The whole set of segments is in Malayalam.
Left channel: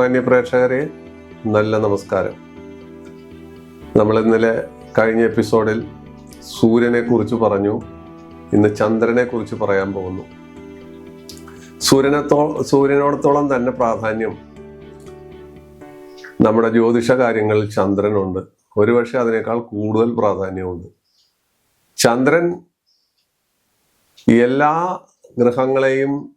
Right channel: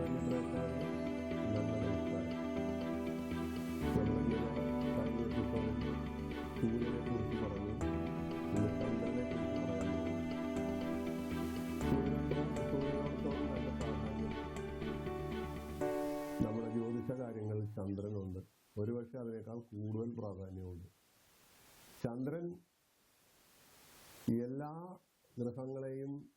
ബഹുമാന്യ പ്രേക്ഷകരെ നല്ല നമസ്കാരം. നമ്മൾ ഇന്നലെ കഴിഞ്ഞ എപ്പിസോഡിൽ സൂര്യനെ കുറിച്ച് പറഞ്ഞു. ഇന്ന് ചന്ദ്രനെ കുറിച്ച് പറയാൻ പോകുന്നു. സൂര്യനത്തോ സൂര്യനോടത്തോളം തന്നെ പ്രാധാന്യം നമ്മുടെ ജ്യോതിഷ കാര്യങ്ങളിൽ ചന്ദ്രനുണ്ട്. ഒരുപക്ഷെ അതിനേക്കാൾ കൂടുതൽ പ്രാധാന്യമുണ്ട്. ചന്ദ്രൻ എല്ലാ ഗ്രഹങ്ങളെയും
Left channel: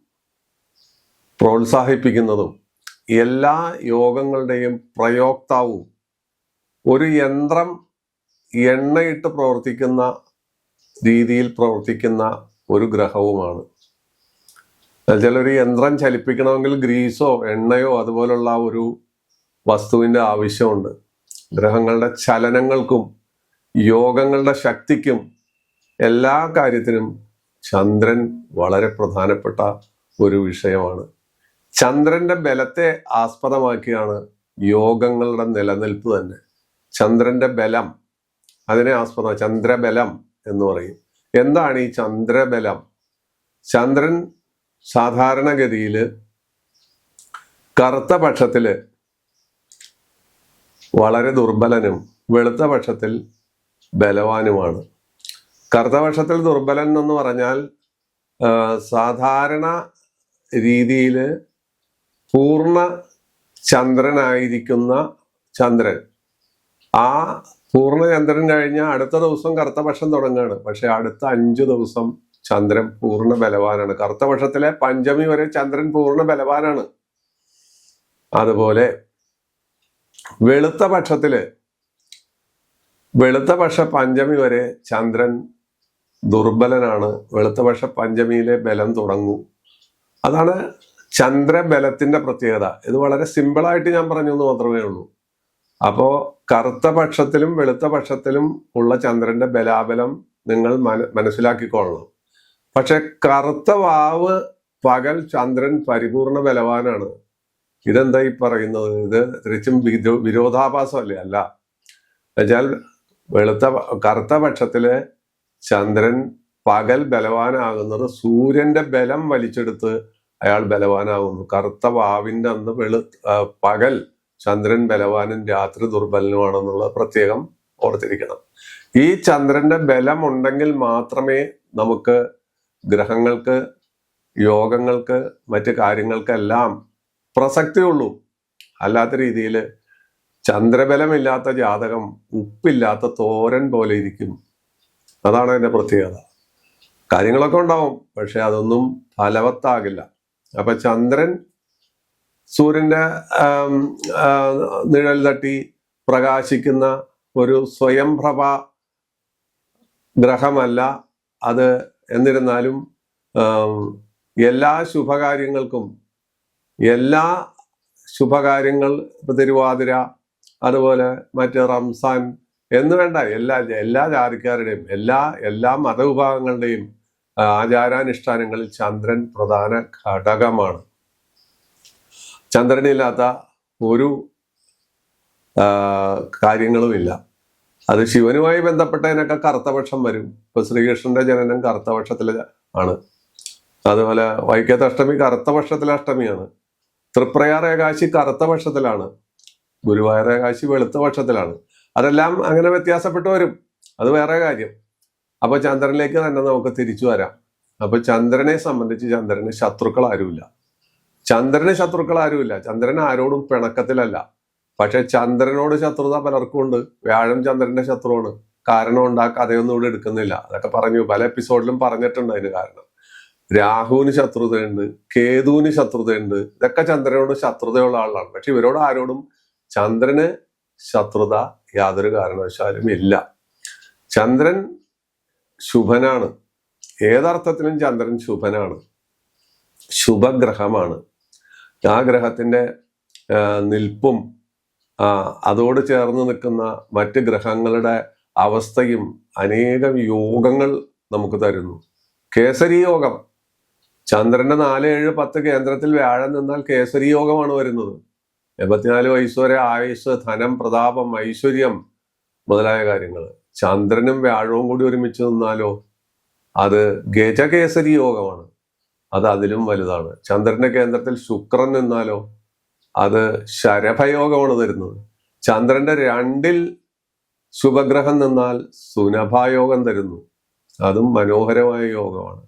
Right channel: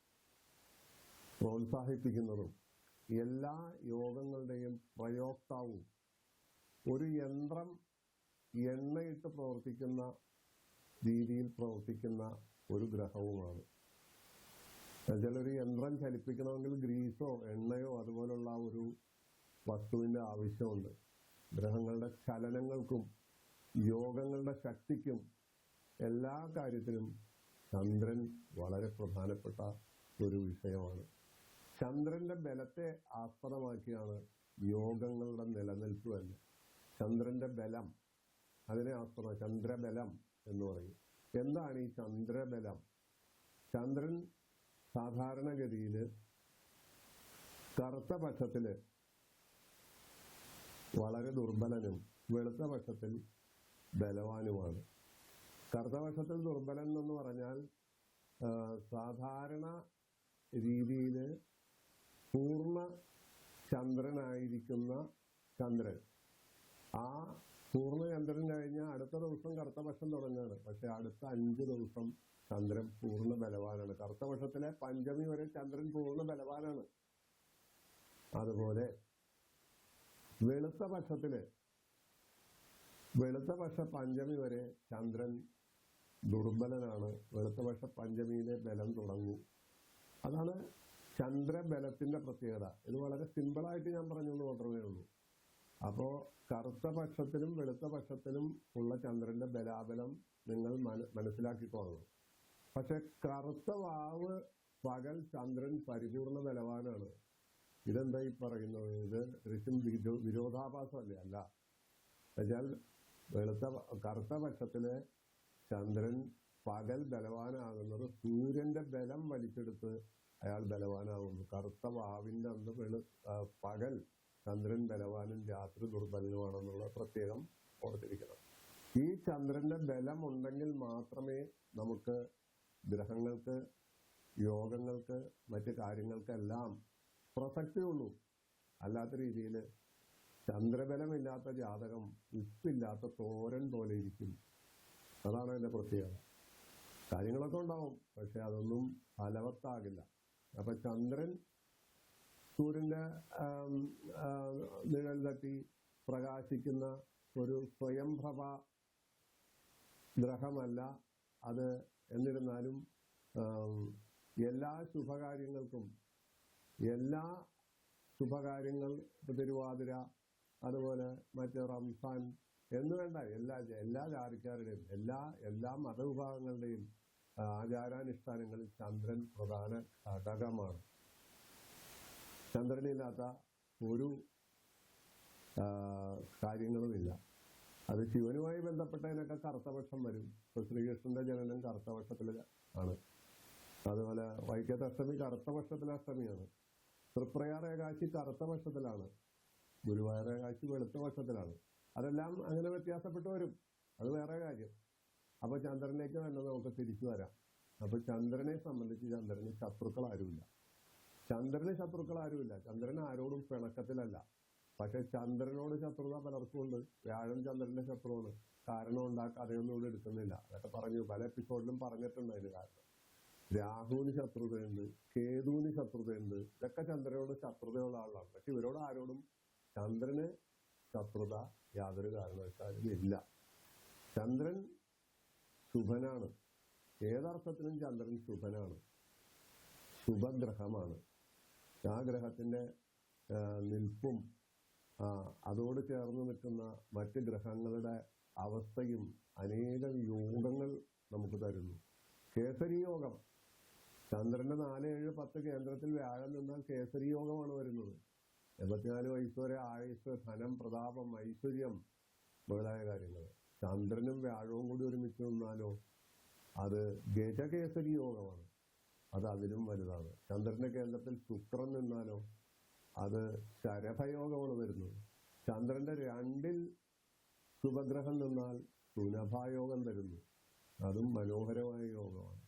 പ്രോത്സാഹിപ്പിക്കുന്നതും എല്ലാ യോഗങ്ങളുടെയും പ്രയോക്താവും ഒരു യന്ത്രം എണ്ണയിട്ട് പ്രവർത്തിക്കുന്ന രീതിയിൽ പ്രവർത്തിക്കുന്ന ഒരു ഗ്രഹവുമാണ്. എന്നുവെച്ചാൽ ഒരു യന്ത്രം ചലിപ്പിക്കണമെങ്കിൽ ഗ്രീസോ എണ്ണയോ അതുപോലുള്ള ഒരു വസ്തുവിന്റെ ആവശ്യമുണ്ട്. ഗ്രഹങ്ങളുടെ ചലനങ്ങൾക്കും യോഗങ്ങളുടെ ശക്തിക്കും എല്ലാ കാര്യത്തിനും ചന്ദ്രൻ വളരെ പ്രധാനപ്പെട്ട ഒരു വിഷയമാണ്. ചന്ദ്രന്റെ ബലത്തെ ആസ്പദമാക്കിയാണ് യോഗങ്ങളുടെ നിലനിൽപ്പ് തന്നെ. ചന്ദ്രന്റെ ബലം അതിനെ ആസ്പദ ചന്ദ്രബലം എന്ന് പറയും. എന്താണ് ഈ ചന്ദ്രബലം? ചന്ദ്രൻ സാധാരണഗതിയിൽ കറുത്ത പക്ഷത്തിൽ വളരെ ദുർബലനും വെളുത്ത പക്ഷത്തിൽ ബലവാനുമാണ്. കറുത്ത പക്ഷത്തിൽ ദുർബലൻ എന്ന് പറഞ്ഞാൽ സാധാരണ രീതിയിൽ പൂർണ ചന്ദ്രനായിരിക്കുന്ന ചന്ദ്രൻ. ആ പൂർണചന്ദ്രൻ കഴിഞ്ഞ അടുത്ത ദിവസം കറുത്തപക്ഷം തുടങ്ങുകയാണ്. പക്ഷെ അടുത്ത അഞ്ചു ദിവസം ചന്ദ്രൻ പൂർണ ബലവാനാണ്. കറുത്തപക്ഷത്തിലെ പഞ്ചമി വരെ ചന്ദ്രൻ പൂർണ ബലവാനാണ്. അതുപോലെ വെളുത്ത പക്ഷത്തിൽ വെളുത്ത പക്ഷ പഞ്ചമി വരെ ചന്ദ്രൻ ദുർബലനാണ്. വെളുത്ത പക്ഷ പഞ്ചമിയിലെ ബലം തുടങ്ങും. അതാണ് ചന്ദ്രബലത്തിന്റെ പ്രത്യേകത. ഇത് വളരെ സിമ്പിളായിട്ട് ഞാൻ പറഞ്ഞു എന്ന് മാത്രമേ ഉള്ളൂ. അപ്പോ കറുത്ത പക്ഷത്തിലും വെളുത്ത പക്ഷത്തിലും ഉള്ള ചന്ദ്രന്റെ ബലാബലം നിങ്ങൾ മന മനസ്സിലാക്കിക്കൊള്ളണം. പക്ഷെ കറുത്ത വാവ് പകൽ ചന്ദ്രൻ പരിപൂർണ ബലവാനാണ്. ഇതെന്താ ഈ പറയുന്നത്? ഇത് തിരിച്ചും വിരോധാഭാസം വിരോധാഭാസമല്ലേ? അല്ല. എന്നുവെച്ചാൽ വെളുത്ത കറുത്ത പക്ഷത്തിലെ ചന്ദ്രൻ പകൽ ബലവാനാകുന്നത് സൂര്യന്റെ ബലം വലിച്ചെടുത്ത് അയാൾ ബലവാനാവുന്നു. കറുത്ത വാവിന്റെ അന്ന് വെളു പകൽ ചന്ദ്രൻ ബലവാനും രാത്രി ദുർബലനുമാണെന്നുള്ള പ്രത്യേകം ഓർത്തിരിക്കണം. ഈ ചന്ദ്രന്റെ ബലം ഉണ്ടെങ്കിൽ മാത്രമേ നമുക്ക് ഗ്രഹങ്ങൾക്ക് യോഗങ്ങൾക്ക് മറ്റ് കാര്യങ്ങൾക്കെല്ലാം പ്രസക്തിയുള്ളൂ. അല്ലാത്ത രീതിയിൽ ചന്ദ്രബലമില്ലാത്ത ജാതകം ഉപ്പില്ലാത്ത തോരൻ പോലെ ഇരിക്കും. അതാണ് അതിന്റെ പ്രത്യേകത. കാര്യങ്ങളൊക്കെ ഉണ്ടാവും പക്ഷെ അതൊന്നും ഫലവത്താകില്ല. അപ്പൊ ചന്ദ്രൻ സൂര്യന്റെ നിഴൽ തട്ടി പ്രകാശിക്കുന്ന ഒരു സ്വയംപ്രഭ ഗ്രഹമല്ല അത്. എന്നിരുന്നാലും എല്ലാ ശുഭകാര്യങ്ങൾക്കും എല്ലാ ശുഭകാര്യങ്ങൾ തിരുവാതിര അതുപോലെ മറ്റ് റംസാൻ എന്ന് വേണ്ട എല്ലാ എല്ലാ ജാതിക്കാരുടെയും എല്ലാ എല്ലാ മതവിഭാഗങ്ങളുടെയും ആചാരാനുഷ്ഠാനങ്ങളിൽ ചന്ദ്രൻ പ്രധാന ഘടകമാണ്. ചന്ദ്രനില്ലാത്ത ഒരു കാര്യങ്ങളുമില്ല. അത് ശിവനുമായി ബന്ധപ്പെട്ടതിനൊക്കെ കറുത്തപക്ഷം വരും. ഇപ്പൊ ശ്രീകൃഷ്ണന്റെ ജനനം കറുത്തപക്ഷത്തിലെ ആണ്. അതുപോലെ വൈക്കത്തഷ്ടമി കറുത്തപക്ഷത്തിലെ അഷ്ടമിയാണ്. തൃപ്രയാർ ഏകാശി കറുത്ത പക്ഷത്തിലാണ് ഗുരുവായൂർ ഏകാശി വെളുത്ത പക്ഷത്തിലാണ് അതെല്ലാം അങ്ങനെ വ്യത്യാസപ്പെട്ടു വരും. അത് വേറെ കാര്യം. അപ്പൊ ചന്ദ്രനിലേക്ക് തന്നെ നമുക്ക് തിരിച്ചു വരാം. അപ്പൊ ചന്ദ്രനെ സംബന്ധിച്ച് ചന്ദ്രന് ശത്രുക്കൾ ആരുമില്ല ചന്ദ്രന് ശത്രുക്കൾ ആരുമില്ല ചന്ദ്രൻ ആരോടും പിണക്കത്തിലല്ല. പക്ഷെ ചന്ദ്രനോട് ശത്രുത പലർക്കും ഉണ്ട് വ്യാഴം ചന്ദ്രന്റെ ശത്രുവാണ്. കാരണം ഉണ്ടാക്കുക ആ ഇവിടെ എടുക്കുന്നില്ല. അതൊക്കെ പറഞ്ഞു പല എപ്പിസോഡിലും പറഞ്ഞിട്ടുണ്ട് അതിന് കാരണം. രാഹുവിന് ശത്രുതയുണ്ട് കേതുവിന് ശത്രുതയുണ്ട്. ഇതൊക്കെ ചന്ദ്രനോട് ശത്രുതയുള്ള ആളാണ്. പക്ഷെ ഇവരോട് ആരോടും ചന്ദ്രന് ശത്രുത യാതൊരു കാരണവശാലും ഇല്ല. ചന്ദ്രൻ ശുഭനാണ്. ഏതർത്ഥത്തിലും ചന്ദ്രൻ ശുഭനാണ്. ശുഭഗ്രഹമാണ്. ആ ഗ്രഹത്തിന്റെ നിൽപ്പും അതോട് ചേർന്ന് നിൽക്കുന്ന മറ്റ് ഗ്രഹങ്ങളുടെ അവസ്ഥയും അനേകം യോഗങ്ങൾ നമുക്ക് തരുന്നു. കേസരി യോഗം. ചന്ദ്രന്റെ നാല് ഏഴ് പത്ത് കേന്ദ്രത്തിൽ വ്യാഴം നിന്നാൽ കേസരി യോഗമാണ് വരുന്നത്. എൺപത്തിനാല് വയസ്സ് വരെ ആയുസ് ധനം പ്രതാപം ഐശ്വര്യം മുതലായ കാര്യങ്ങൾ. ചന്ദ്രനും വ്യാഴവും കൂടി ഒരുമിച്ച് നിന്നാലോ? അത് ഗജകേസരി യോഗമാണ്. അത് അതിലും വലുതാണ്. ചന്ദ്രന്റെ കേന്ദ്രത്തിൽ ശുക്രൻ നിന്നാലോ? അത് ശരഭയോഗമാണ് തരുന്നത്. ചന്ദ്രന്റെ രണ്ടിൽ ശുഭഗ്രഹം നിന്നാൽ സുനഭായോഗം തരുന്നു. അതും മനോഹരമായ യോഗമാണ്.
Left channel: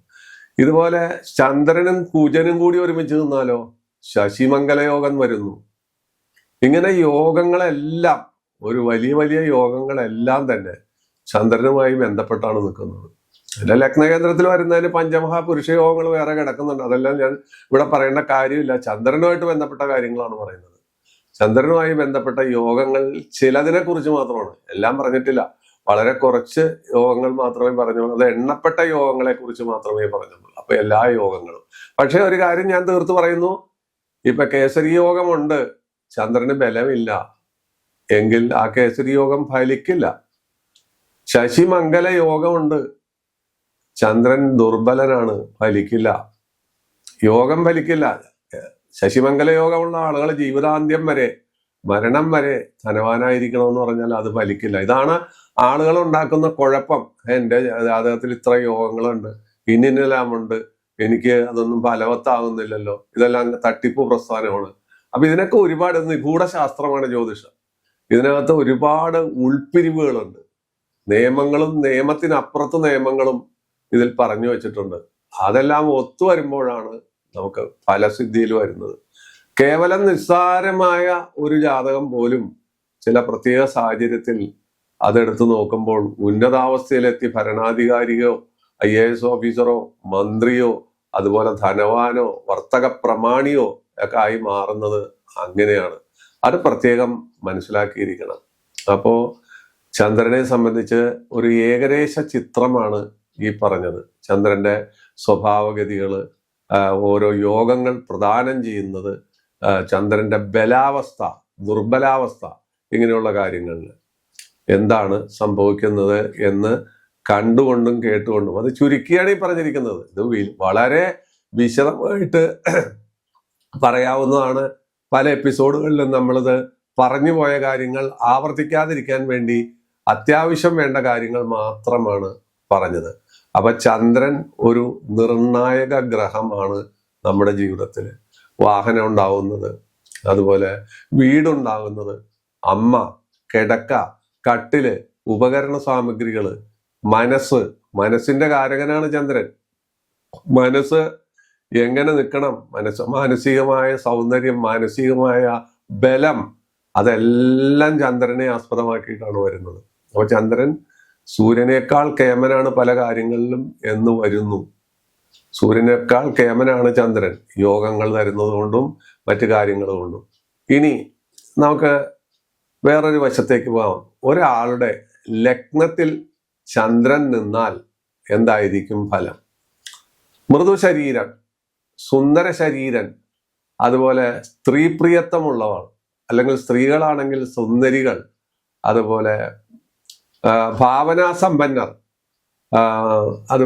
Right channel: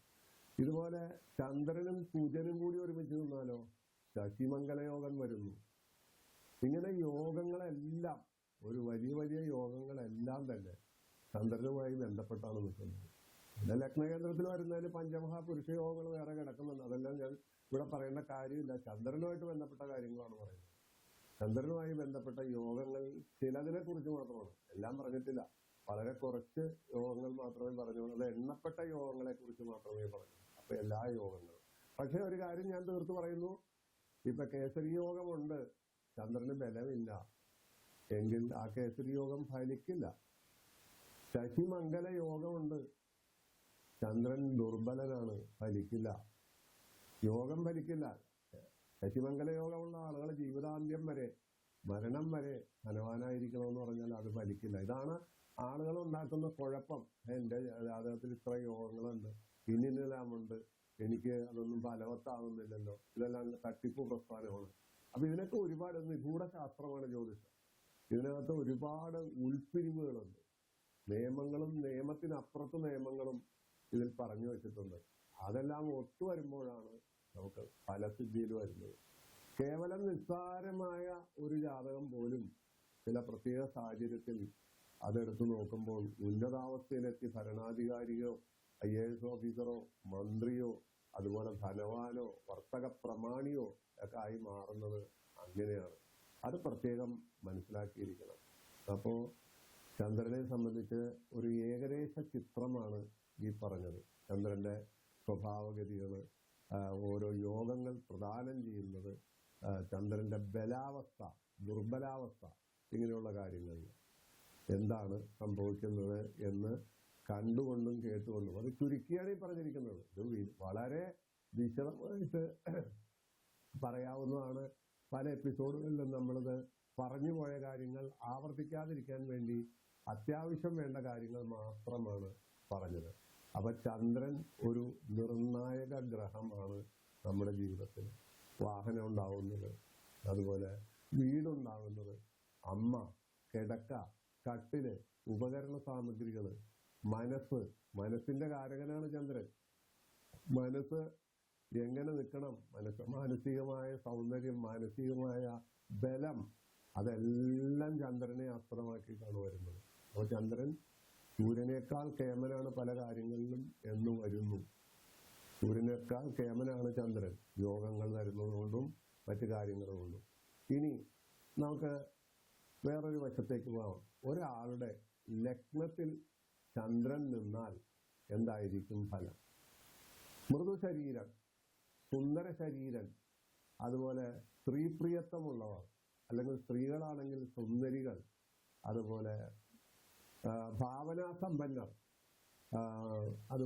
ഇതുപോലെ ചന്ദ്രനും കുജനും കൂടി ഒരുമിച്ച് നിന്നാലോ? ശശിമംഗലയോഗം വരുന്നു. ഇങ്ങനെ യോഗങ്ങളെല്ലാം ഒരു വലിയ വലിയ യോഗങ്ങളെല്ലാം തന്നെ ചന്ദ്രനുമായി ബന്ധപ്പെട്ടാണ് നിൽക്കുന്നത്. എന്റെ ലഗ്നകേന്ദ്രത്തിൽ വരുന്നതിന് പഞ്ചമഹാപുരുഷ യോഗങ്ങൾ വേറെ കിടക്കുന്നുണ്ട്. അതെല്ലാം ഞാൻ ഇവിടെ പറയേണ്ട കാര്യമില്ല. ചന്ദ്രനുമായിട്ട് ബന്ധപ്പെട്ട കാര്യങ്ങളാണ് പറയുന്നത്. ചന്ദ്രനുമായി ബന്ധപ്പെട്ട യോഗങ്ങൾ ചിലതിനെ കുറിച്ച് മാത്രമാണ്. എല്ലാം പറഞ്ഞിട്ടില്ല. വളരെ കുറച്ച് യോഗങ്ങൾ മാത്രമേ പറഞ്ഞുള്ളൂ. അത് എണ്ണപ്പെട്ട യോഗങ്ങളെ കുറിച്ച് മാത്രമേ പറഞ്ഞുള്ളൂ. അപ്പൊ എല്ലാ യോഗങ്ങളും. പക്ഷെ ഒരു കാര്യം ഞാൻ തീർത്ത് പറയുന്നു. ഇപ്പൊ കേസരി യോഗമുണ്ട്. ചന്ദ്രന് ബലമില്ല. എങ്കിൽ ആ കേസരി യോഗം ഫലിക്കില്ല. ശശിമംഗല യോഗമുണ്ട്. ചന്ദ്രൻ ദുർബലനാണ് ഫലിക്കില്ല. യോഗം ഫലിക്കില്ല. ശശിമംഗല യോഗമുള്ള ആളുകൾ ജീവിതാന്ത്യം വരെ മരണം വരെ ധനവാനായിരിക്കണമെന്ന് പറഞ്ഞാൽ അത് ഫലിക്കില്ല. ഇതാണ് ആളുകൾ ഉണ്ടാക്കുന്ന കുഴപ്പം. എന്റെ ജാതകത്തിൽ ഇത്ര യോഗങ്ങളുണ്ട്. ഇന്നിന്നെല്ലാം ഉണ്ട് എനിക്ക് അതൊന്നും ഫലവത്താകുന്നില്ലല്ലോ. ഇതെല്ലാം തട്ടിപ്പ് പ്രസ്ഥാനമാണ്. അപ്പൊ ഇതിനൊക്കെ ഒരുപാട് നിഗൂഢ ശാസ്ത്രമാണ് ജ്യോതിഷം. ഇതിനകത്ത് ഒരുപാട് ഉൾപ്പിരിവുകളുണ്ട്. നിയമങ്ങളും നിയമത്തിനപ്പുറത്ത് നിയമങ്ങളും ഇതിൽ പറഞ്ഞു വെച്ചിട്ടുണ്ട്. അതെല്ലാം ഒത്തു വരുമ്പോഴാണ് നമുക്ക് ഫലസിദ്ധിയിൽ വരുന്നത്. കേവലം നിസ്സാരമായ ഒരു ജാതകം പോലും ചില പ്രത്യേക സാഹചര്യത്തിൽ അതെടുത്തു നോക്കുമ്പോൾ ഉന്നതാവസ്ഥയിലെത്തി ഭരണാധികാരിയോ ഐ എ എസ് ഓഫീസറോ മന്ത്രിയോ അതുപോലെ ധനവാനോ വർത്തക പ്രമാണിയോ ഒക്കെ ആയി മാറുന്നത് അങ്ങനെയാണ്. അത് പ്രത്യേകം മനസ്സിലാക്കിയിരിക്കണം. അപ്പോ ചന്ദ്രനെ സംബന്ധിച്ച് ഒരു ഏകദേശ ചിത്രമാണ് ഈ പറഞ്ഞത്. ചന്ദ്രന്റെ സ്വഭാവഗതികൾ ഓരോ യോഗങ്ങൾ പ്രദാനം ചെയ്യുന്നത് ചന്ദ്രന്റെ ബലാവസ്ഥ ദുർബലാവസ്ഥ ഇങ്ങനെയുള്ള കാര്യങ്ങളിൽ എന്താണ് സംഭവിക്കുന്നത് എന്ന് കണ്ടുകൊണ്ടും കേട്ടുകൊണ്ടും. അത് ചുരുക്കിയാണ് ഈ പറഞ്ഞിരിക്കുന്നത്. ഇത് വളരെ വിശദമായിട്ട് പറയാവുന്നതാണ്. പല എപ്പിസോഡുകളിലും നമ്മളിത് പറഞ്ഞു പോയ കാര്യങ്ങൾ ആവർത്തിക്കാതിരിക്കാൻ വേണ്ടി അത്യാവശ്യം വേണ്ട കാര്യങ്ങൾ മാത്രമാണ് പറഞ്ഞത്. അപ്പൊ ചന്ദ്രൻ ഒരു നിർണായക ഗ്രഹമാണ് നമ്മുടെ ജീവിതത്തിൽ വാഹനം ഉണ്ടാവുന്നത് അതുപോലെ വീടുണ്ടാകുന്നത് അമ്മ കിടക്ക കട്ടിൽ ഉപകരണ സാമഗ്രികൾ മനസ്സ് മനസ്സിന്റെ കാരകനാണ് ചന്ദ്രൻ. മനസ്സ് എങ്ങനെ നിൽക്കണം? മനസ്സ് മാനസികമായ സൗന്ദര്യം മാനസികമായ ബലം അതെല്ലാം ചന്ദ്രനെ ആസ്പദമാക്കിയിട്ടാണ് വരുന്നത്. അപ്പൊ ചന്ദ്രൻ സൂര്യനേക്കാൾ കേമനാണ് പല കാര്യങ്ങളിലും എന്ന് വരുന്നു. സൂര്യനേക്കാൾ കേമനാണ് ചന്ദ്രൻ. യോഗങ്ങൾ തരുന്നത് കൊണ്ടും മറ്റു കാര്യങ്ങൾ കൊണ്ടും. ഇനി നമുക്ക് വേറൊരു വശത്തേക്ക് പോകാം ഒരാളുടെ ലഗ്നത്തിൽ ചന്ദ്രൻ നിന്നാൽ എന്തായിരിക്കും ഫലം? മൃദു ശരീരം സുന്ദര ശരീരൻ അതുപോലെ സ്ത്രീപ്രിയത്വമുള്ളവർ അല്ലെങ്കിൽ സ്ത്രീകളാണെങ്കിൽ സുന്ദരികൾ അതുപോലെ ഭാവനാസമ്പന്നർ അത്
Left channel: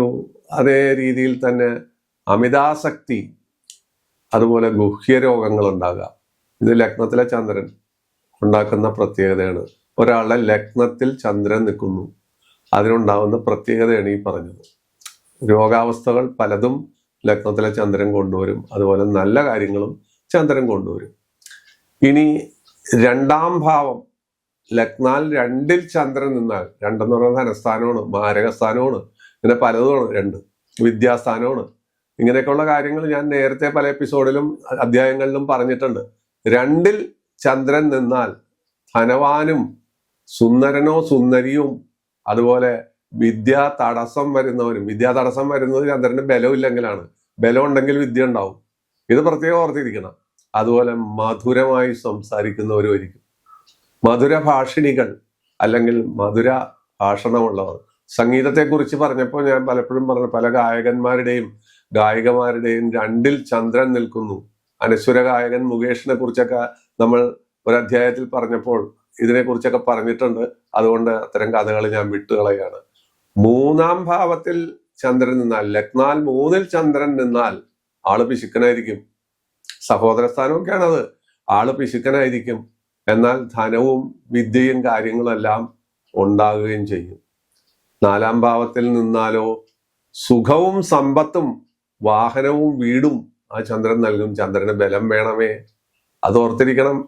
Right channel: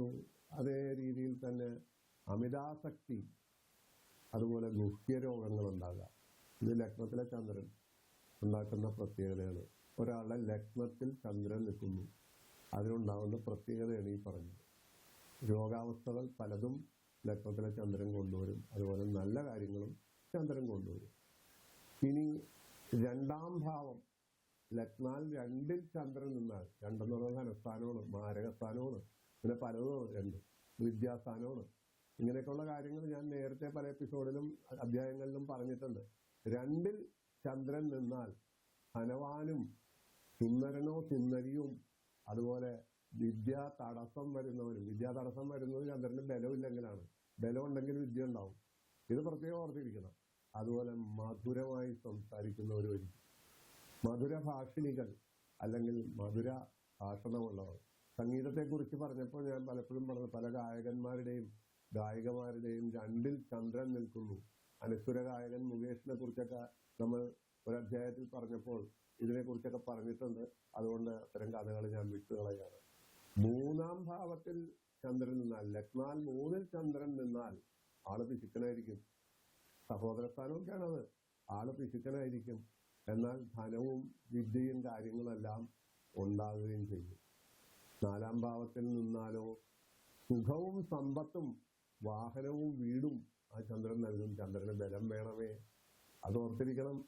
അതേ രീതിയിൽ തന്നെ അമിതാസക്തി അതുപോലെ ഗുഹ്യരോഗങ്ങൾ ഉണ്ടാകാം ഇത് ലഗ്നത്തിലെ ചന്ദ്രൻ ഉണ്ടാക്കുന്ന പ്രത്യേകതയാണ്. ഒരാളുടെ ലഗ്നത്തിൽ ചന്ദ്രൻ നിൽക്കുന്നു. അതിനുണ്ടാകുന്ന പ്രത്യേകതയാണ് ഈ പറഞ്ഞത്. രോഗാവസ്ഥകൾ പലതും ലഗ്നത്തിലെ ചന്ദ്രൻ കൊണ്ടുവരും. അതുപോലെ നല്ല കാര്യങ്ങളും ചന്ദ്രൻ കൊണ്ടുവരും. ഇനി രണ്ടാം ഭാവം ലഗ്നാൽ രണ്ടിൽ ചന്ദ്രൻ നിന്നാൽ രണ്ടെന്ന് പറയുന്നത് ധനസ്ഥാനമാണ് മാരകസ്ഥാനമാണ് ഇങ്ങനെ പലതുമാണ് രണ്ട് വിദ്യാസ്ഥാനമാണ്. ഇങ്ങനെയൊക്കെയുള്ള കാര്യങ്ങൾ ഞാൻ നേരത്തെ പല എപ്പിസോഡിലും അധ്യായങ്ങളിലും പറഞ്ഞിട്ടുണ്ട്. രണ്ടിൽ ചന്ദ്രൻ നിന്നാൽ ധനവാനും സുന്ദരനോ സുന്ദരിയും അതുപോലെ വിദ്യാ തടസ്സം വരുന്നവരും വിദ്യാ തടസ്സം വരുന്നത് ചന്ദ്രന് ബലമില്ലെങ്കിലാണ് ബലം ഉണ്ടെങ്കിൽ വിദ്യ ഉണ്ടാവും. ഇത് പ്രത്യേകം ഓർത്തിരിക്കണം. അതുപോലെ മധുരമായി സംസാരിക്കുന്നവരുമായിരിക്കും മധുര ഭാഷിണികൾ അല്ലെങ്കിൽ മധുര ഭാഷണമുള്ളവർ. സംഗീതത്തെക്കുറിച്ച് പറഞ്ഞപ്പോൾ ഞാൻ പലപ്പോഴും പറഞ്ഞു പല ഗായകന്മാരുടെയും ഗായികമാരുടെയും രണ്ടിൽ ചന്ദ്രൻ നിൽക്കുന്നു. അനശ്വര ഗായകൻ മുകേഷിനെ കുറിച്ചൊക്കെ നമ്മൾ ഒരു അധ്യായത്തിൽ പറഞ്ഞപ്പോൾ ഇതിനെക്കുറിച്ചൊക്കെ പറഞ്ഞിട്ടുണ്ട്. അതുകൊണ്ട് അത്തരം കഥകൾ ഞാൻ വിട്ടുകളയാണ്. മൂന്നാം ഭാവത്തിൽ ചന്ദ്രൻ നിന്നാൽ ലഗ്നാൽ മൂന്നിൽ ചന്ദ്രൻ നിന്നാൽ ആൾ പിശുക്കനായിരിക്കും. സഹോദര സ്ഥാനമൊക്കെയാണത് അത് ആൾ പിശുക്കനായിരിക്കും. എന്നാൽ ധനവും വിദ്യയും കാര്യങ്ങളെല്ലാം ഉണ്ടാകുകയും ചെയ്യും. നാലാം ഭാവത്തിൽ നിന്നാലോ സുഖവും സമ്പത്തും വാഹനവും വീടും ആ ചന്ദ്രൻ നൽകും. ചന്ദ്രന് ബലം വേണമേ. അത് ഓർത്തിരിക്കണം.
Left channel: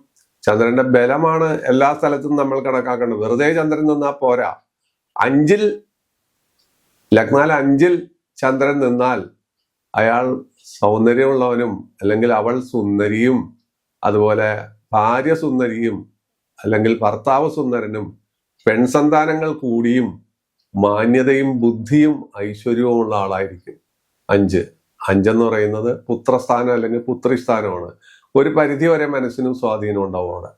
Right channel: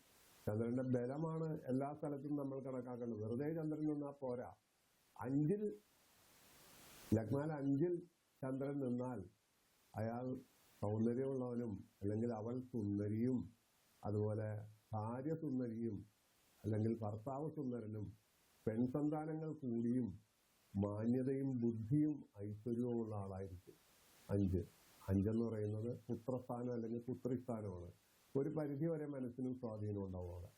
ചന്ദ്രന്റെ ബലമാണ് എല്ലാ സ്ഥലത്തും നമ്മൾ കണക്കാക്കേണ്ടത്. വെറുതെ ചന്ദ്രൻ നിന്നാ പോരാ. അഞ്ചിൽ ലഗ്നാൽ അഞ്ചിൽ ചന്ദ്രൻ നിന്നാൽ അയാൾ സൗന്ദര്യമുള്ളവനും അല്ലെങ്കിൽ അവൾ സുന്ദരിയും അതുപോലെ ഭാര്യ സുന്ദരിയും അല്ലെങ്കിൽ ഭർത്താവ് സുന്ദരനും പെൺസന്താനങ്ങൾ കൂടിയും മാന്യതയും ബുദ്ധിയും ഐശ്വര്യവും ഉള്ള ആളായിരിക്കും. അഞ്ച്. അഞ്ചെന്ന് പറയുന്നത് പുത്രസ്ഥാനം അല്ലെങ്കിൽ പുത്രിസ്ഥാനമാണ്. ഒരു പരിധി വരെ മനസ്സിനും സ്വാധീനം ഉണ്ടാവും അവിടെ.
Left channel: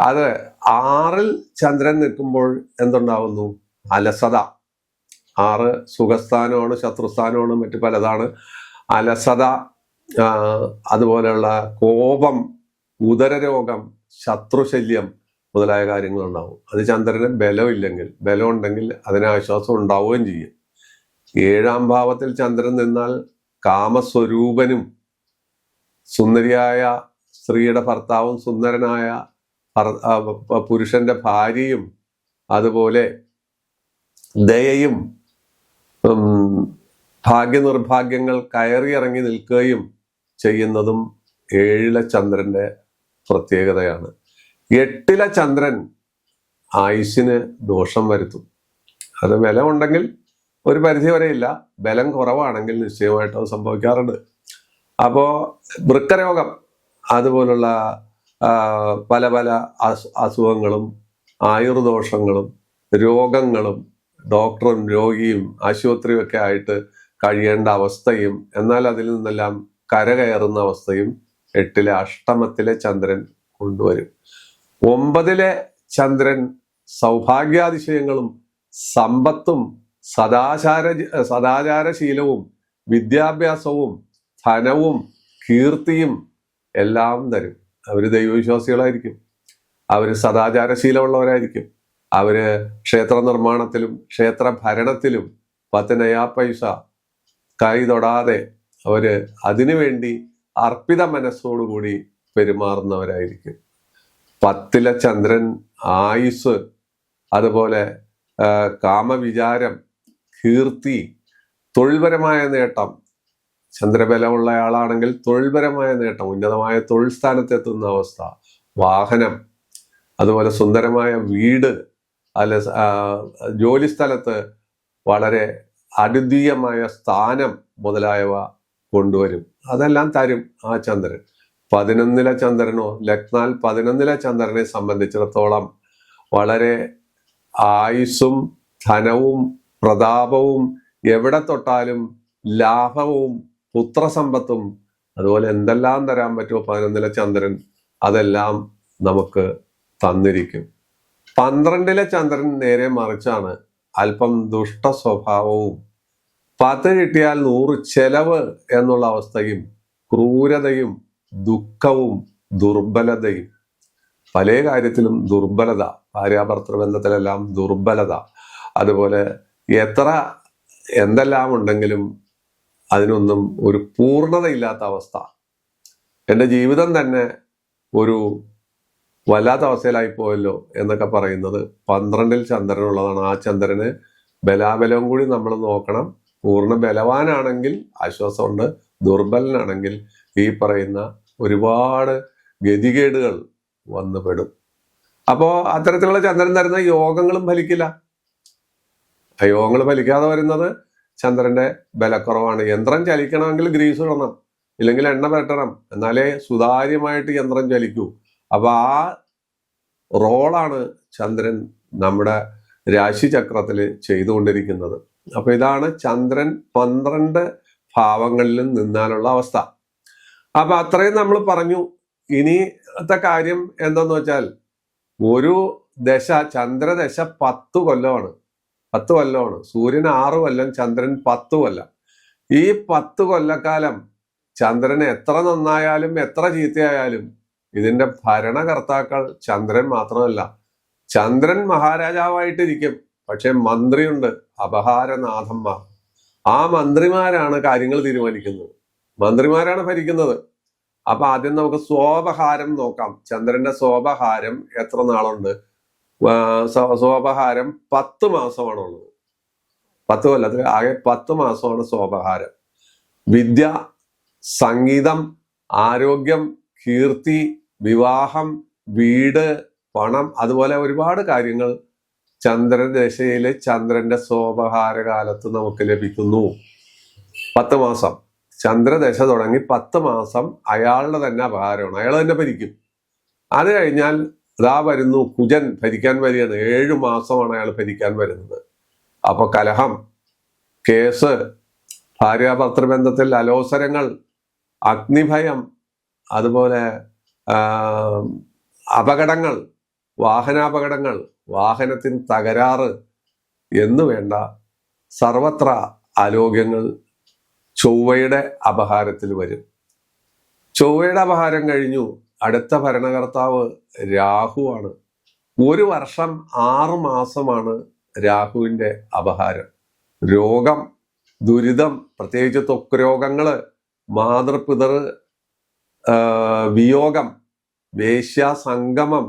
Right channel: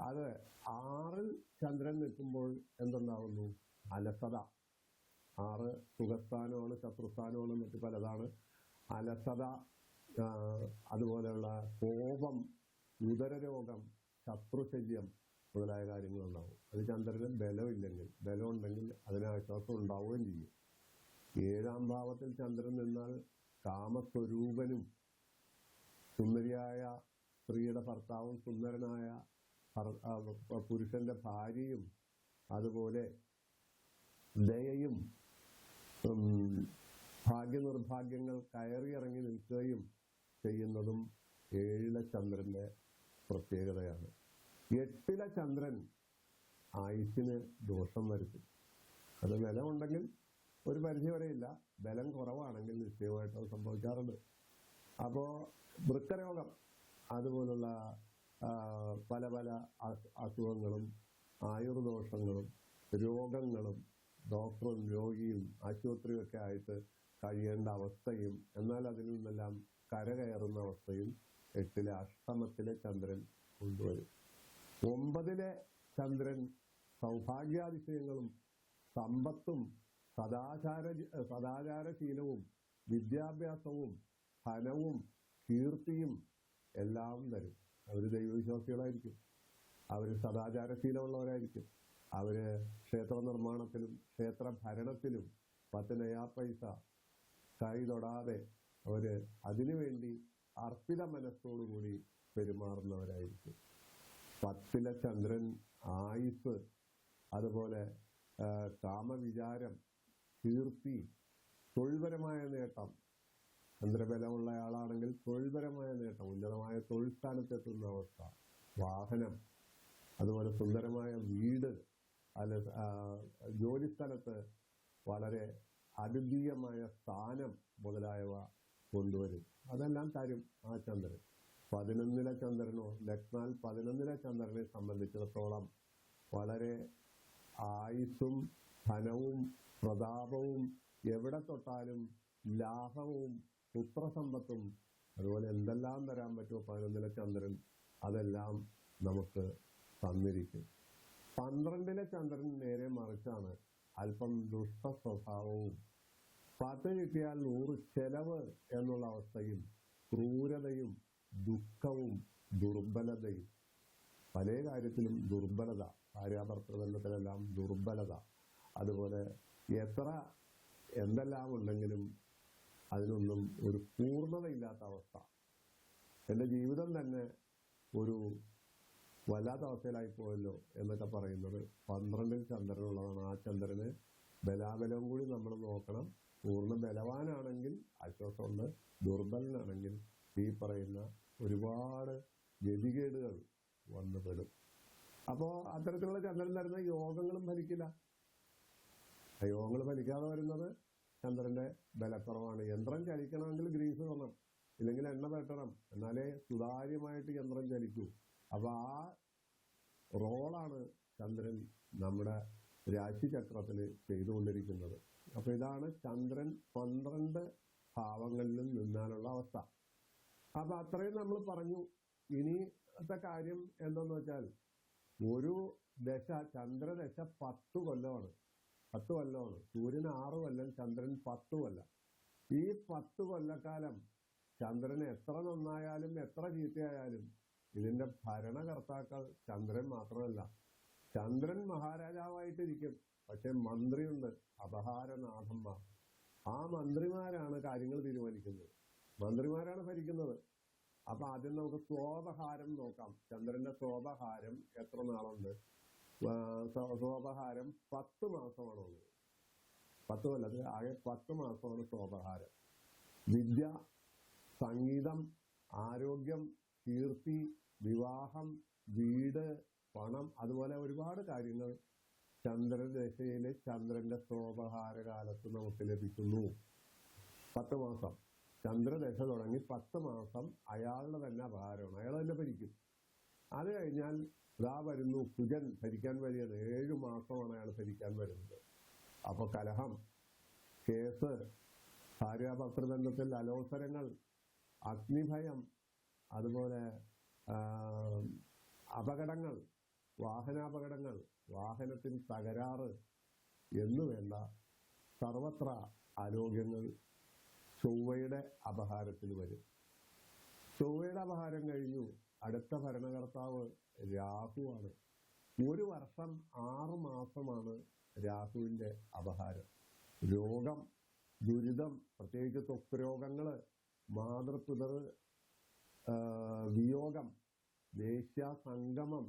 അത് ആറിൽ ചന്ദ്രൻ നിൽക്കുമ്പോൾ എന്തുണ്ടാവുന്നു? അലസത. ആറ് സുഖസ്ഥാനമാണ് ശത്രുസ്ഥാനമാണ് മറ്റു പലതാണ്. അലസത അതുപോലെയുള്ള കോപം ഉദരരോഗം ശത്രുശല്യം മുതലായ കാര്യങ്ങളുണ്ടാവും. അത് ചന്ദ്രന് ബലമില്ലെങ്കിൽ ബലം ഉണ്ടെങ്കിൽ അതിന് ആശ്വാസം ഉണ്ടാവുകയും ചെയ്യും. ഏഴാം ഭാവത്തിൽ ചന്ദ്രൻ നിന്നാൽ കാമസ്വരൂപനും സുന്ദരിയായ സ്ത്രീയുടെ ഭർത്താവും സുന്ദരനായ പുരുഷന്റെ ഭാര്യയും അതുപോലെ ദയയും ഭാഗ്യനിർഭാഗ്യങ്ങൾ കയറിയിറങ്ങി നിൽക്കുകയും ചെയ്യുന്നതും ഏഴിലെ ചന്ദ്രന്റെ പ്രത്യേകതയാണ്. എട്ടിലെ ചന്ദ്രൻ ആയുസ്സിന് ദോഷം വരുത്തും. അത് ബലമുണ്ടെങ്കിൽ ഒരു പരിധി വരെ ഇല്ല ബലം കുറവാണെങ്കിൽ നിശ്ചയമായിട്ടും അത് സംഭവിക്കാറുണ്ട്. അപ്പോൾ വൃക്കരോഗം അതുപോലുള്ള പല പല അസുഖങ്ങളും ആയുർദോഷങ്ങളും രോഗങ്ങളും ഡോക്ടറും രോഗിയും ആശുപത്രിയും ഒക്കെ ആയിട്ട് കഴിയേണ്ട അവസ്ഥയും എന്നാൽ അതിൽ നിന്നെല്ലാം കരകയറുന്ന അവസ്ഥയും എട്ടിലെ അഷ്ടമത്തിലെ ചന്ദ്രൻ കൊണ്ടുവരും. ഒമ്പതിലെ ചന്ദ്രൻ സൗഭാഗ്യാതിശയങ്ങളും സമ്പത്തും സദാചാര സദാചാരശീലവും വിദ്യാഭ്യാസവും ധനവും കീർത്തിയും എല്ലാം തരും. അവർ ദൈവവിശ്വാസികളായിരിക്കും. അവർ സദാചാരശീലമുള്ളവരായിരിക്കും. അവർ ക്ഷേത്ര നിർമ്മാണത്തിലും ക്ഷേത്ര ഭരണത്തിലും പത്തനയാ പൈസ കൈ തൊടാതെ അവർ അതിനുവേണ്ടി അർപ്പിത മനസ്സോടുകൂടി പെരുമാറുന്നവരായിരിക്കും. പത്തിലെ ചന്ദ്രൻ ആയുസ് അതുപോലെ കാമവിചാരം കീർത്തി തൊഴിൽപരമായ നേട്ടം. ചന്ദ്രബലമുള്ള ആളാണെങ്കിൽ തൊഴിൽപരമായ നേട്ടം ഉന്നതമായ തൊഴിൽ സ്ഥാനത്തെത്തുന്ന അവസ്ഥ. വാഹനം അതുപോലെ സുന്ദരമായ വീട് അല്ല ജോലി സ്ഥലത്ത് വളരെ അദ്വിതീയമായ സ്ഥാനം മുതലായവ കൊണ്ടുവരും. അതെല്ലാം തരും ആ ചന്ദ്രൻ. പതിനൊന്നില ചന്ദ്രനോ ലഗ്നാൽ പതിനൊന്നില ചന്ദ്രനെ സംബന്ധിച്ചിടത്തോളം വളരെ ആയുസ്സും ധനവും പ്രതാപവും എവിടെ തൊട്ടാലും ലാഭവും പുത്രസമ്പത്തും അതുപോലെ എന്തെല്ലാം തരാൻ പറ്റുമോ പതിനൊന്നില ചന്ദ്രൻ അതെല്ലാം നമുക്ക് തന്നിരിക്കും. പന്ത്രണ്ടിലെ ചന്ദ്രൻ നേരെ മറിച്ചാണ് അല്പം ദുഷ്ട സ്വഭാവവും പത്ത് കിട്ടിയാൽ നൂറ് ചെലവ് എന്നുള്ള അവസ്ഥയും ക്രൂരതയും ദുഃഖവും ദുർബലതയും. പല കാര്യത്തിലും ദുർബലത ഭാര്യാഭർത്തൃ ബന്ധത്തിലെല്ലാം ദുർബലത. അതുപോലെ എത്ര എന്തെല്ലാം ഉണ്ടെങ്കിലും അതിനൊന്നും ഒരു പൂർണതയില്ലാത്ത അവസ്ഥ. എന്റെ ജീവിതം തന്നെ ഒരു വല്ലാത്ത അവസ്ഥയിലായി പോയല്ലോ എന്നൊക്കെ പറയുന്നത് പന്ത്രണ്ടിൽ ചന്ദ്രനുള്ളതാണ് ആ ചന്ദ്രന് ബലാബലവും കൂടി നമ്മൾ നോക്കണം. പൂർണ ബലവാനാണെങ്കിൽ ആശ്വാസമുണ്ട് ദുർബലനാണെങ്കിൽ ഈ പറയുന്ന ഒരുപാട് ഗതികേടുകൾ വന്നുപെടും അപ്പോൾ അപ്പോ അത്തരത്തിലുള്ള ചന്ദ്രൻ തരുന്ന യോഗങ്ങളും ഫലിക്കില്ല. ആ യോഗങ്ങൾ ഫലിക്കാതെ വരുന്നത് ചന്ദ്രന്റെ ബലക്കുറവാണ്. യന്ത്രം ചലിക്കണമെങ്കിൽ ഗ്രീസ് ഇടണം ഇല്ലെങ്കിൽ എണ്ണ പെട്ടണം എന്നാലേ സുതാര്യമായിട്ട് യന്ത്രം ചലിക്കൂ. അപ്പൊ ആ റോളാണ് ചന്ദ്രൻ നമ്മുടെ രാശിചക്രത്തിൽ ചെയ്തുകൊണ്ടിരിക്കുന്നത്. അപ്പൊ ഇതാണ് ചന്ദ്രൻ പന്ത്രണ്ട് ഭാവങ്ങളിലും നിന്നാലുള്ള അവസ്ഥ. അപ്പൊ അത്രയും നമ്മൾ പറഞ്ഞു. ഇനിത്തെ കാര്യം എന്തെന്ന് വെച്ചാൽ ഒരു ദശ ചന്ദ്രദശ പത്ത് കൊല്ലമാണ്. പത്ത് കൊല്ലമാണ്. സൂര്യൻ ആറ് കൊല്ലം ചന്ദ്രൻ പത്ത് കൊല്ലം. ഈ പത്ത് കൊല്ലക്കാലം ചന്ദ്രൻ എത്ര നന്നായാലും എത്ര ചീത്തയായാലും ഇതിന്റെ ഭരണകർത്താക്കൾ ചന്ദ്രൻ മാത്രമല്ല. ചന്ദ്രൻ മഹാരാജാവായിട്ടിരിക്കും. പക്ഷെ മന്ത്രിയുണ്ട്. അപഹാരനാഥന്മാർ. ആ മന്ത്രിമാരാണ് കാര്യങ്ങൾ തീരുമാനിക്കുന്നത്. മന്ത്രിമാരാണ് ഭരിക്കുന്നത്. അപ്പൊ ആദ്യം നമുക്ക് സ്വോപഹാരം നോക്കാം. ചന്ദ്രന്റെ സ്വോപഹാരം എത്ര നാളുണ്ട്? സ്വോപഹാരം സ്വ- സ്വാപഹാരം പത്ത് മാസമാണുള്ളത്. പത്ത് കൊല്ലത്തിൽ ആകെ പത്ത് മാസമാണ് സ്വോപഹാരം. വിദ്യ സംഗീതം ആരോഗ്യം കീർത്തി വിവാഹം വീട് പണം അതുപോലെ ഒരുപാട് കാര്യങ്ങൾ ചന്ദ്രദശയിൽ ചന്ദ്രന്റെ സോപഹാര കാലത്ത് നമുക്ക് ലഭിക്കുന്നു. പത്ത് മാസം. ചന്ദ്രദശ തുടങ്ങി പത്ത് മാസം അയാളുടെ തന്നെ അപഹാരമാണ് അയാൾ തന്നെ ഭരിക്കും. അത് കഴിഞ്ഞാൽ ഇതാ വരുന്നു കുജൻ ഭരിക്കാൻ വരികയാണ്. ഏഴു മാസമാണ് അയാൾ ഭരിക്കാൻ വരുന്നത്. അപ്പൊ കലഹം കേസ് ഭാര്യാഭർത്തൃബന്ധത്തിൽ അലോസരങ്ങൾ അഗ്നിഭയം അതുപോലെ അപകടങ്ങൾ വാഹനാപകടങ്ങൾ വാഹനത്തിന് തകരാറ് എന്ന് വേണ്ട സർവത്ര ആരോഗ്യങ്ങൾ ചൊവ്വയുടെ അപഹാരത്തിൽ വരും. ചൊവ്വയുടെ അപഹാരം കഴിഞ്ഞു. അടുത്ത ഭരണകർത്താവ് രാഹുവാണ്. ഒരു വർഷം ആറു മാസമാണ് രാഹുവിന്റെ അപഹാരം. രോഗം ദുരിതം പ്രത്യേകിച്ച് ത്വക്ക് രോഗങ്ങൾ മാതൃപിതർ വിയോഗം വേശ്യാസംഗമം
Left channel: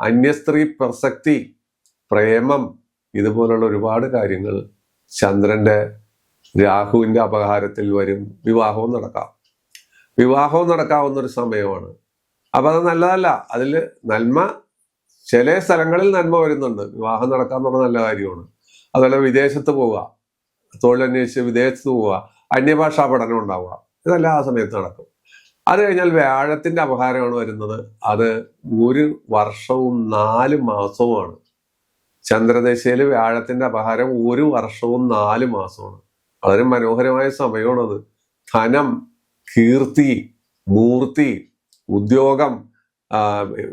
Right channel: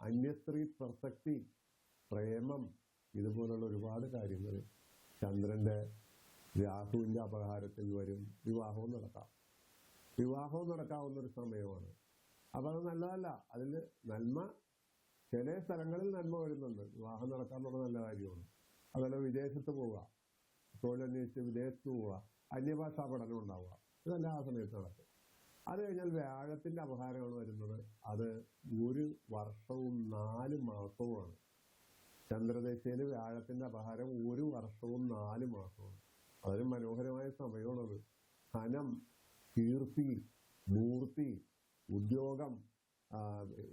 അന്യസ്ത്രീ പ്രസക്തി പ്രേമം ഇതുപോലുള്ള ഒരുപാട് കാര്യങ്ങൾ ചന്ദ്രന്റെ രാഹുവിന്റെ അപഹാരത്തിൽ വരും. വിവാഹവും നടക്കാം. വിവാഹവും നടക്കാവുന്ന ഒരു സമയമാണ്. അപ്പൊ അത് നല്ലതല്ല. അതിൽ നന്മ ചില സ്ഥലങ്ങളിൽ നന്മ വരുന്നുണ്ട്. വിവാഹം നടക്കാന്ന് പറഞ്ഞ നല്ല കാര്യമാണ്. അതുപോലെ വിദേശത്ത് പോവുക. തൊഴിലന്വേഷിച്ച് വിദേശത്ത് പോവുക. അന്യഭാഷാ പഠനം ഉണ്ടാവുക. ഇതെല്ലാം ആ സമയത്ത് നടക്കും. അത് കഴിഞ്ഞാൽ വ്യാഴത്തിന്റെ അപഹാരമാണ് വരുന്നത്. അത് ഒരു വർഷവും നാല് മാസവുമാണ്. ചന്ദ്രദശയിൽ വ്യാഴത്തിന്റെ അപഹാരം ഒരു വർഷവും നാല് മാസമാണ്. വളരെ മനോഹരമായ സമയമാണത്. ധനം കീർത്തി മൂർത്തി ഉദ്യോഗം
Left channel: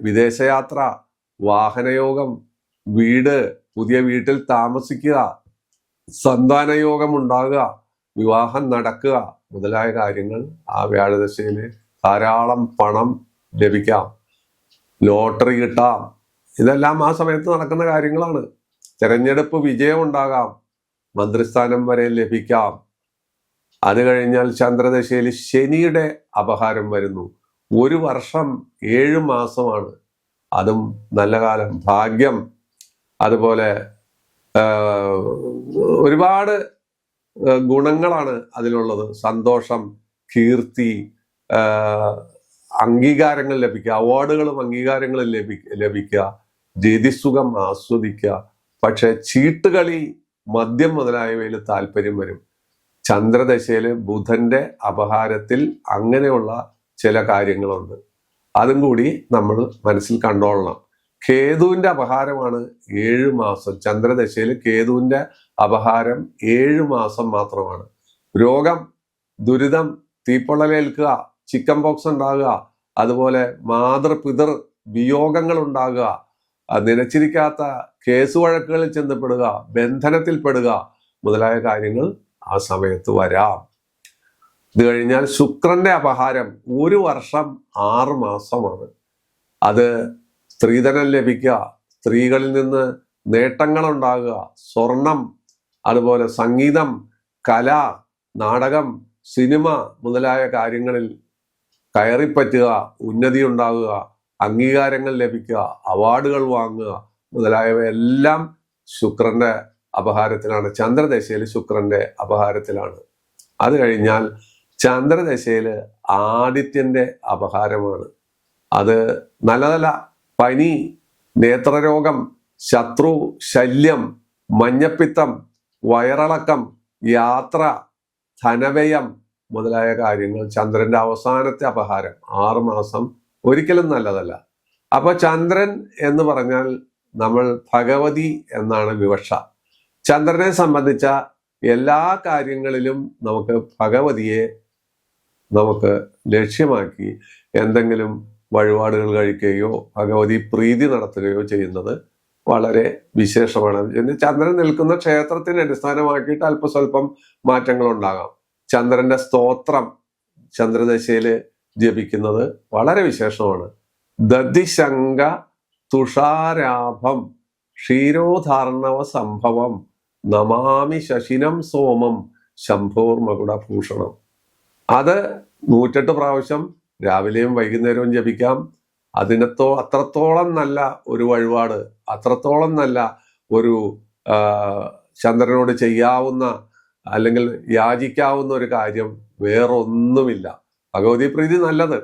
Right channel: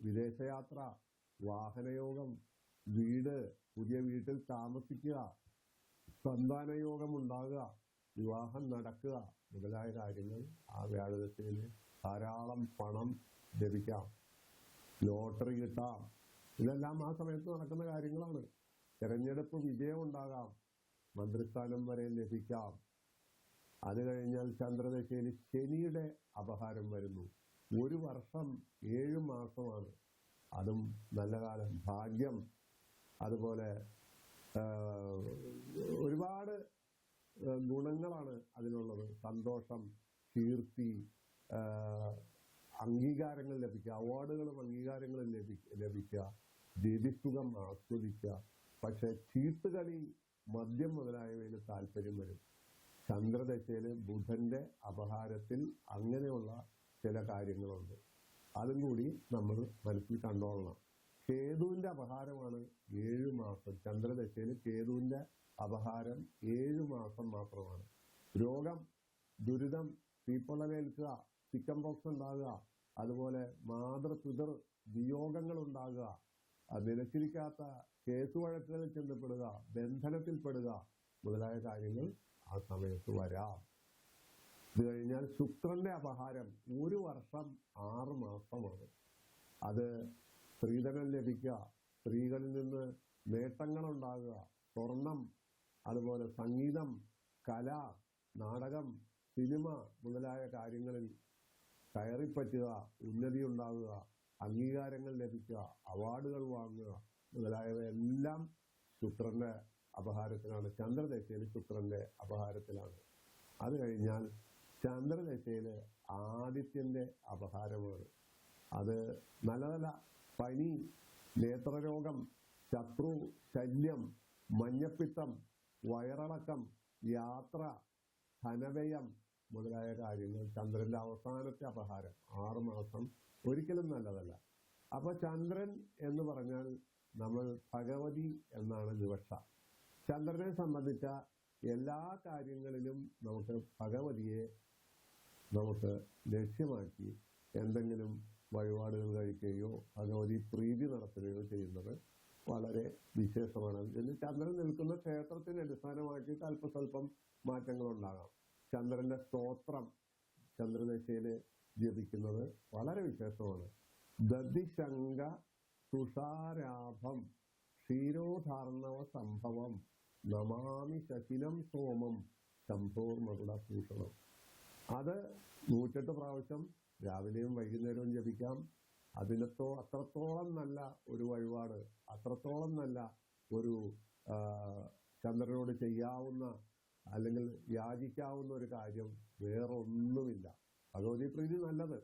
വിദേശയാത്ര വാഹനയോഗം വീട് പുതിയ വീട്ടിൽ താമസിക്കുക സന്താനയോഗം ഉണ്ടാകുക വിവാഹം നടക്കുക മുതലായ കാര്യങ്ങൾ ആ വ്യാഴദശയിൽ ധാരാളം പണം ലഭിക്കാം. ലോട്ടറി കിട്ടാം. ഇതെല്ലാം ആ സമയത്ത് നടക്കുന്ന കാര്യങ്ങളാണ്. തെരഞ്ഞെടുപ്പ് വിജയം ഉണ്ടാകാം മന്ത്രിസ്ഥാനം വരെ ലഭിക്കാം. അത് കഴിഞ്ഞാൽ ചന്ദ്രദശയിൽ ശനിയുടെ അപഹാരം വരുന്നു. ഒരു വർഷം ഏഴ് മാസമാണ്. അതും നല്ല കാലം. ഭാഗ്യം. അതുപോലെ ഒരുപാട് ഗുണങ്ങളാണ് അതിലുള്ളത്. സന്തോഷം കീർത്തി അംഗീകാരങ്ങൾ ലഭിക്കുക. അവാർഡുകളും അംഗീകാരങ്ങളും ലഭി ലഭിക്കുക. രതിസുഖം ആസ്വദിക്കുക. പക്ഷെ ചീട്ടുകളി മദ്യം മുതലായവയിൽ താല്പര്യം വരും. ചന്ദ്രദശയിൽ ബുധന്റെ അപഹാരത്തിൽ അങ്ങനെയുള്ള ചില കാര്യങ്ങളുണ്ട്. അതും കൂടി നമ്മൾ മനസ്സിൽ കണ്ടോളണം. കേതുവിന്റെ അപഹാരമാണ് ഏഴു മാസം. ചന്ദ്രദശയിൽ കേതുവിന്റെ അപഹാരം ഏഴു മാസം മാത്രമാണ്. രോഗം ദുരിതം തീപ്പൊള്ളലേൽക്കുക ചിക്കൻ പോക്സ് ഉണ്ടാകുക അതുപോലെ മാതൃപിതൃ വിയോഗങ്ങൾ ഉണ്ടാകുക നിലച്ചിരിക്കാത്ത കേസ് വഴക്കുകളിൽ ചെന്നപ്പെടുക ബന്ധനത്തിൽപ്പെടുക മുതലായ കാര്യങ്ങൾ ആ സമയത്ത് വരാം. ഇത് കഴിഞ്ഞാൽ ശുക്രന്റെ അപഹാരം ഒരു വർഷം ആറ് മാസമാണ്. അത് സ്ത്രീധനം ലഭിക്കുക സ്ത്രീകളിൽ നിന്ന് നേട്ടങ്ങൾ ഉണ്ടാകുക സ്വർണം അതുപോലെ സംഗീതം കല നാടകം സിനിമ മുതലായ കാര്യങ്ങളിൽ കയറിപ്പറ്റുക ഉന്നതി ഉണ്ടാകുക അംഗീകാരങ്ങൾ ലഭിക്കുക അവാർഡുകൾ വാങ്ങുക മുതലായവയെല്ലാം ശുക്രന്റെ അപഹാരത്തിലാണ്. ചന്ദ്രദശയിൽ ശുക്രന്റെ അപഹാരത്തിലാണ്. അത് കഴിഞ്ഞാൽ ചന്ദ്രദശയിൽ ആദിത്യന്റെ അപഹാരമാണ്. അത് നല്ല നല്ല പനി നേത്രരോഗം ശത്രു ശല്യം മഞ്ഞപ്പിത്തം വയറിളക്കം യാത്ര ധനവ്യയം മുതലായ കാര്യങ്ങൾ ചന്ദ്രന്റെ അവസാനത്തെ അപഹാരം ആറ് മാസം ഒരിക്കലും നല്ലതല്ല. അപ്പൊ ചന്ദ്രൻ എന്ന് പറഞ്ഞാൽ നമ്മൾ ഭഗവതി എന്നാണ് വിവക്ഷ. ചന്ദ്രനെ സംബന്ധിച്ച എല്ലാ കാര്യങ്ങളിലും നമുക്ക് ഭഗവതിയെ നമുക്ക് ലക്ഷ്യമാക്കി എന്തെങ്കിലും വഴിപാടുകൾ കഴിക്കുകയോ ഭഗവതി പ്രീതി നടത്തുകയോ ചെയ്യുന്നത് വളരെ വിശേഷമാണ്. ചന്ദ്രൻ നിൽക്കുന്ന ക്ഷേത്രത്തിനെ അടിസ്ഥാനമാക്കിയിട്ട് അല്പസ്വല്പം മാറ്റങ്ങൾ ഉണ്ടാകാം ചന്ദ്രന്റെ സ്തോത്രം ചന്ദ്രദശയിൽ ജപിക്കുന്നത് വളരെ വിശേഷമാണ്. ദതിശങ്ക തുഷാരാഭം ക്ഷീരോധാർണവ സംഭവം നമാമി ശശിനം സോമം ശംഭോർമകുടഭൂഷണം അത് നൂറ്റെട്ട് പ്രാവശ്യം രാവിലെയും വൈകുന്നേരവും ജപിക്കാം. അതിനത്തോ അത്രത്തോളം നല്ല ഒരു വഴിപാട് അത്രത്തോളം നല്ല ഒരു ചന്ദ്രനോട് ചെയ്യാവുന്ന അല്ലെങ്കിൽ യാചിക്കാവുന്ന ഒരു കാര്യം വേറൊന്നുമില്ല. ഭഗവതി പ്രീതി നല്ലത്.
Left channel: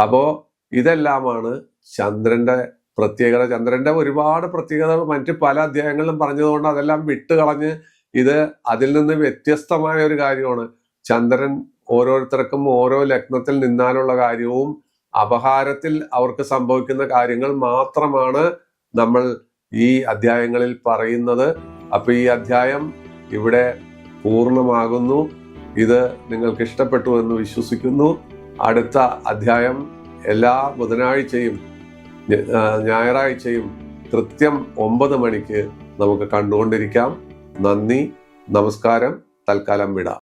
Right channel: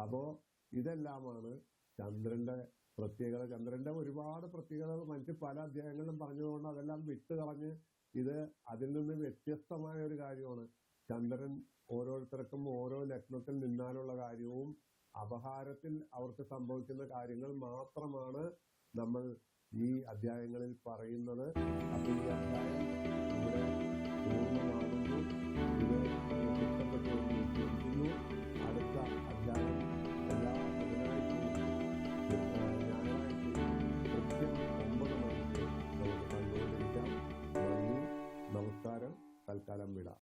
അപ്പോ ഇതെല്ലാമാണ് ചന്ദ്രന്റെ പ്രത്യേകത. ചന്ദ്രന്റെ ഒരുപാട് പ്രത്യേകതകൾ മറ്റ് പല അധ്യായങ്ങളിലും പറഞ്ഞതുകൊണ്ട് അതെല്ലാം വിട്ടുകളഞ്ഞ് ഇത് അതിൽ നിന്ന് വ്യത്യസ്തമായ ഒരു കാര്യമാണ്. ചന്ദ്രൻ ഓരോരുത്തർക്കും ഓരോ ലഗ്നത്തിൽ നിന്നാലുള്ള കാര്യവും അപഹാരത്തിൽ അവർക്ക് സംഭവിക്കുന്ന കാര്യങ്ങൾ മാത്രമാണ് നമ്മൾ ഈ അധ്യായങ്ങളിൽ പറയുന്നത്. അപ്പൊ ഈ അധ്യായം ഇവിടെ പൂർണമാകുന്നു. ഇത് നിങ്ങൾക്ക് ഇഷ്ടപ്പെട്ടു എന്ന് വിശ്വസിക്കുന്നു. അടുത്ത അധ്യായം എല്ലാ ബുധനാഴ്ചയും ഞായറാഴ്ചയും കൃത്യം ഒമ്പത് മണിക്ക് നമുക്ക് കണ്ടുകൊണ്ടിരിക്കാം. നന്ദി നമസ്കാരം തൽക്കാലം വിടാം.